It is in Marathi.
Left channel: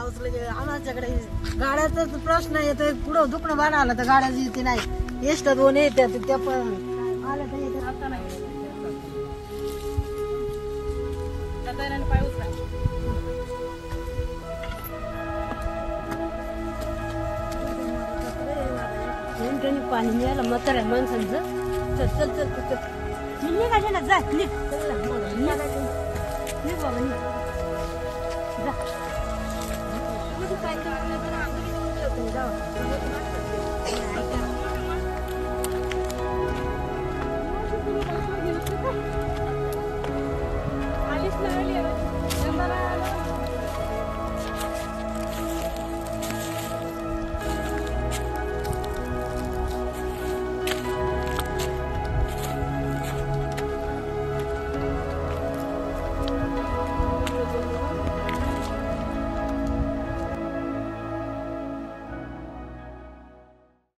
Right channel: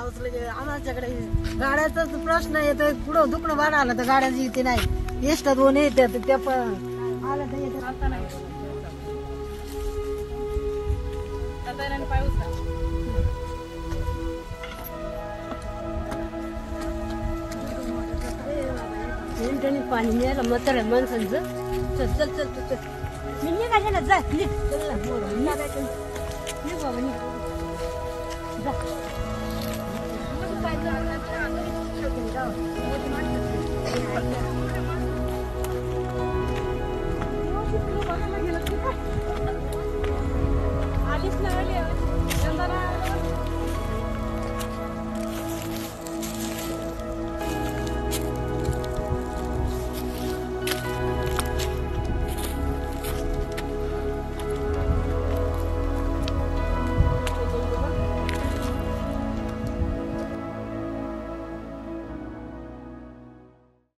पाऊस लगे आमच्याकडे गाड्याचाच प्रश्न येतोय. पुढं दुखणं बघायला तर गाड्याची येते नाही. एष्ट दोन येतात त्या पण आलं तर येते आता नाही पाऊस पाणी मिळालं म्हाताऱ्या माणसांचं. चल चल चल चल चल निघायला जा निघ निघ बाबा निघ आधीच